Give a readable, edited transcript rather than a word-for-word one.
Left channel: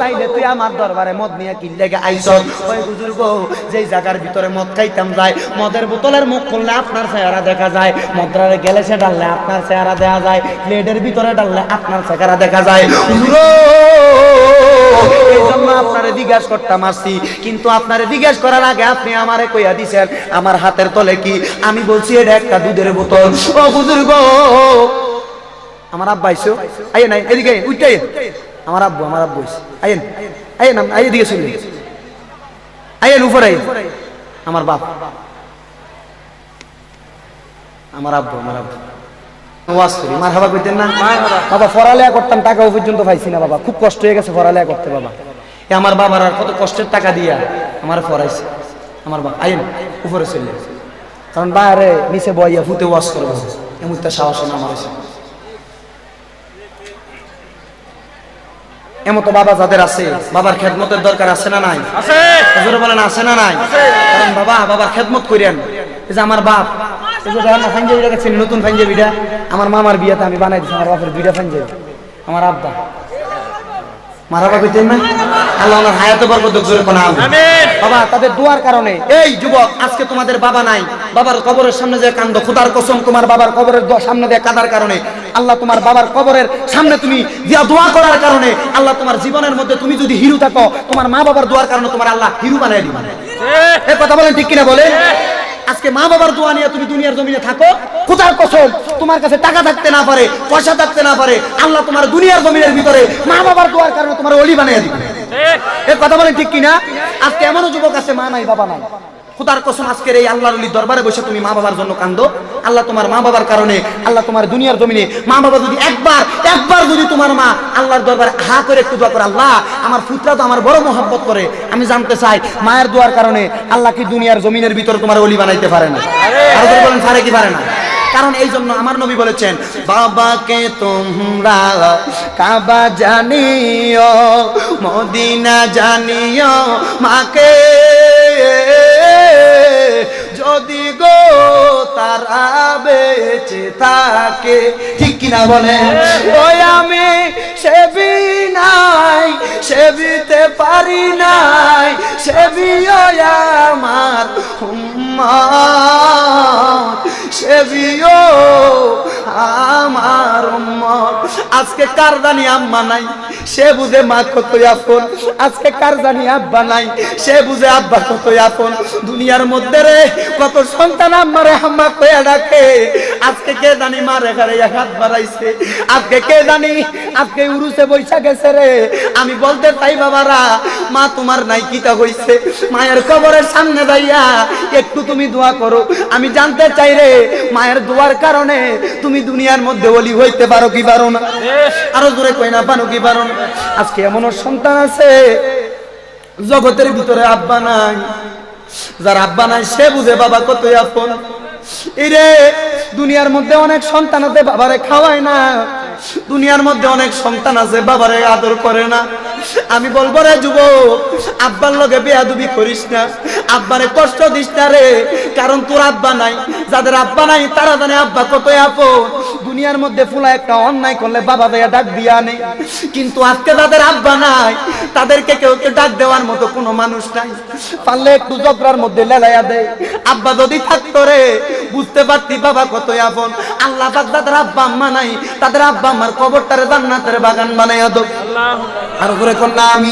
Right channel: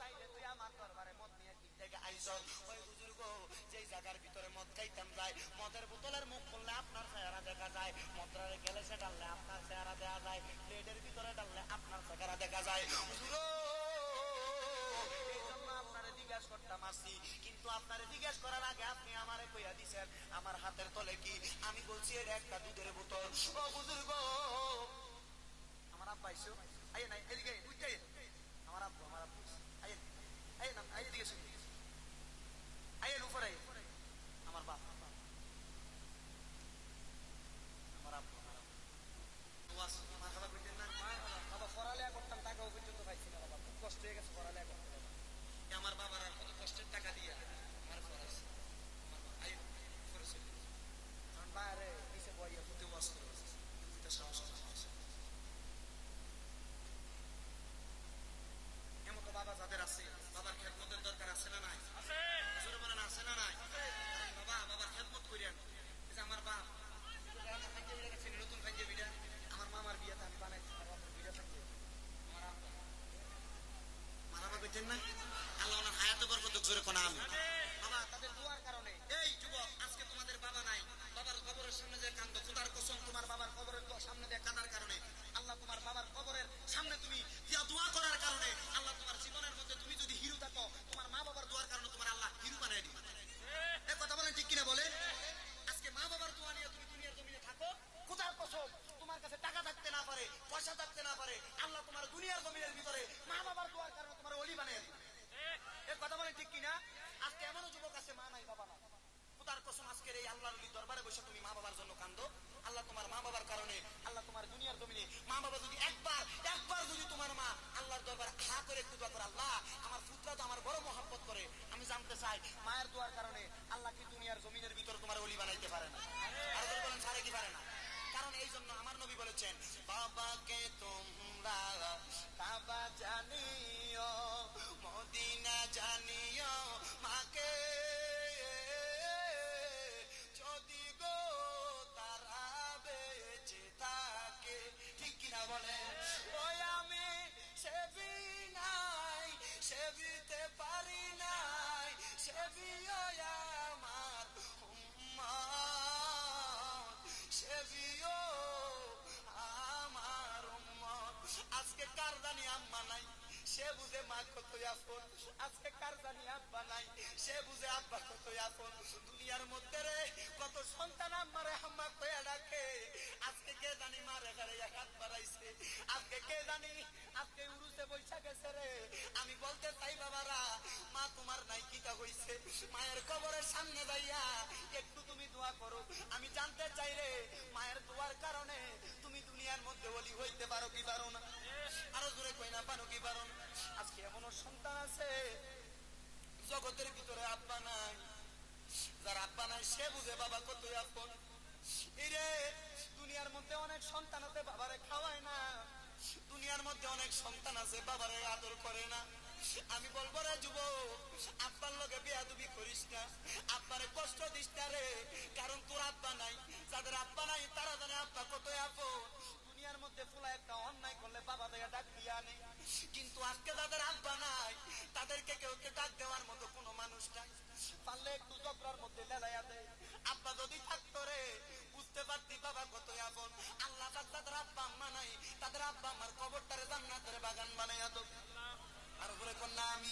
তাইলে তুই আমার দরবারে মদ নিয়ে কি লেগে আইছস? ওই হুজুর গো, যেই জায়গার ভিতরে মদ খাইতাম যাই, মদের বোতলের মুখ খুললে আপনার চেহারা দেখা যায়, মদ্রারে গ্যালাসে ডাললে আপনার চেহারা দেখা যায়, প্লেটের ভিতরে ডাললে আপনার চেহারা দেখা যায়। হুজুর এই জন্য আপনারে জিজ্ঞাসা করতাম আসছি, কিন্তু আপনারে জিজ্ঞাসা করার আগে আপনি আমারে কইয়া দিছেন আমার হাতের তলে কি। আমি বলছি এটা একটা দুধের বোতল। ও হুজুর গো, আমার আব্বা আইছো, আইয়ে নাই এদিকে উঠে, আমার আব্বু আইয়েন আইয়েন, আইয়ে দিকে শুনলেন, আইয়েন উপরে আইয়েন। আমার বাপ, আমার আব্বু ওয়াজ করি, মারহাবা কইতেন না বাবা? পড়ালেখা করতাম, টাকাও পর্যন্ত পাইছি না বাবা, খুব কষ্ট হয়ে গেছে পড়ালেখা করতে বাবা। আমার বাবার আর কত কষ্টের টাকা দিয়া আমার পড়াইছে আমার বাপ। আইন উপরে চললেন, কারণ বাইরে নিচে বইয়া ফুটে ওয়াজ করবো এমন একটা সাহস না আমার। এমন তো বাবা যাদের আছে, বাবার খেদমতের দরকার আছে না নাই? বলেন আছে না নাই? কারণ বাবার খেদমত করেন। এই যে আমার বাপ, পাঞ্জাবিটা গেছেন নতুন পাঞ্জাবিটা আমার মামার বিয়েতে আমি বানাই দিচ্ছি, আমার বাপের দুইটা পাঞ্জাবি। আমার আব্বা মারাবা কইতেন না, আল্লাহ ওনার হায়াতে বরকত দাও, জোরে কোনা আমিন। বাবা তাদের দোয়ার কারণে, এই যুবক আজকে তোমাদের বাবা নাই, বাবার কবরের সামনে যে কান্দ, খোদার কসম তোমার বাবার কবরের সামনে দিয়ে কাঁদার কারণে আল্লাহ তোমার বাবার কবরের সামনে তুমি দিয়া দোয়া করার কারণে আল্লাহ তোমার জীবনের মধ্যে, তুমি যদি হিরো থাকো, তোমার মা বাবার দোয়ার কারণে তোমার আল্লাহ হিরো বানাই দিবেন। এই কথা বলেন ঠিক কিনা বলেন? আজকে মা বাবার দোয়া নিয়ে তুমি দুনিয়ার জমিনে থাকো, খোদার কসম তোমার কাছে টাকা থাকতে না পারে, পয়সা থাকতে না পারে, আল্লাহ তোমার দুনিয়ার জমিনের ভিতরে মা বাবার দোয়ার কারণে তোমার ওলি বানিয়ে দিবে। এই কথা বলেন ঠিক কিনা? আজকে এমনও যুবক আছে মা নাই বাবা নাই, খোদার কসম আজকের এই আল্লাহর ওলির দরবারে বসে তুমি মা বাবার জন্য কান্দো, আল্লাহ তোমার মা বাবার কারণে আল্লাহ তোমার দুনিয়ার জমিনে মা বাবা যদি একবার যদি তোমার মা আল্লাহর দরবারে হা করে একটু দোয়া করে, আল্লাহ আমার পুত্রা তো আমার বড় মহব্বত করে, আমি জানতে চাই মায়ের দোয়ার কারণে আল্লাহ কি দুনিয়ার জমিনের ভিতরে তোমার ওলি বানাইতে পারে না? আর বলেন পারে কি পারে না? কারণ এই জন্য আমার নবী বলেছেন, বাবাকে তোমরা কাবা জানিও, মদিনা জানিও, মাকে যদি গো তারা বেঁচে থাকে। ঠিক কিনা বলেন? ওই আমি সেবি নাই, সেবিতে পারি নাই, সেবিও আমার উম্মত, সেবিও আমার উম্মত। আজকে কার জানি আম্মা নাই, সে বুঝে মা কত আপন। আজকে কার জানি আব্বা নাই, সে বুঝে আব্বা কত আপন। দুনিয়ার মধ্যে রে কত সন্তান আম্মারে আম্মা কইয়া ডাকে, আজকে কে জানি মার এখানে হাত বাড়াইছে, আজকে কে জানি আজকে উরুসে বৈশা গেছে রে। আমি বলতে চাই বাবারা, মা তোমার নাই কিতা হইছে, মায়ের কবরের সামনে যাইয়া একটু তুমি দোয়া করো। আমি জানতে চাই রে, মায়ের দোয়ার কারণে তুমি দুনিয়ার মধ্যে ওলি হইতে পারো কি পারো না? আরো জোরে কই না, পারো কি পারো না? আজকে এমন সন্তান আছে জগতের ভিতরে আব্বা নাই, যার আব্বা নাই সে বুঝে বাবা কত আপন। এরে দুনিয়ার মধ্যে অনেক সন্তান আছে বাবারে খাওয়ায় না, দুনিয়ার মধ্যে অনেক সন্তান আছে বাবারে আদর করে না। আমি বলবো রে যুবক, আব্বার লগে বেয়াদবি করিস না, আব্বারে কষ্ট দিস না রে, কারণ তোর আব্বা নাই। যাদের আব্বা নাই তারা জানে আব্বা কত আপন। দুনিয়ার মধ্যে ফুলা একটা অন্যায় করলে বাবা দেয়া ডাক দিয়া নেই, কিন্তু আজকে যাদের আব্বা নাই তাদেরকে কেউ ডাক দেওয়ার মতো কোনো মানুষ নাই। পারলে একটু জগরার মধ্যে লেলাইয়া দেয়, আব্বা যদি থাকতো রে বুঝতে পারতি বাবা কত আপন। আল্লাহ পাক যাদের আব্বা আম্মা নাই তাদের আব্বা আম্মার কবরটারে জান্নাতের বাগান বানাইয়া দাও। আর করে কন্যা আমি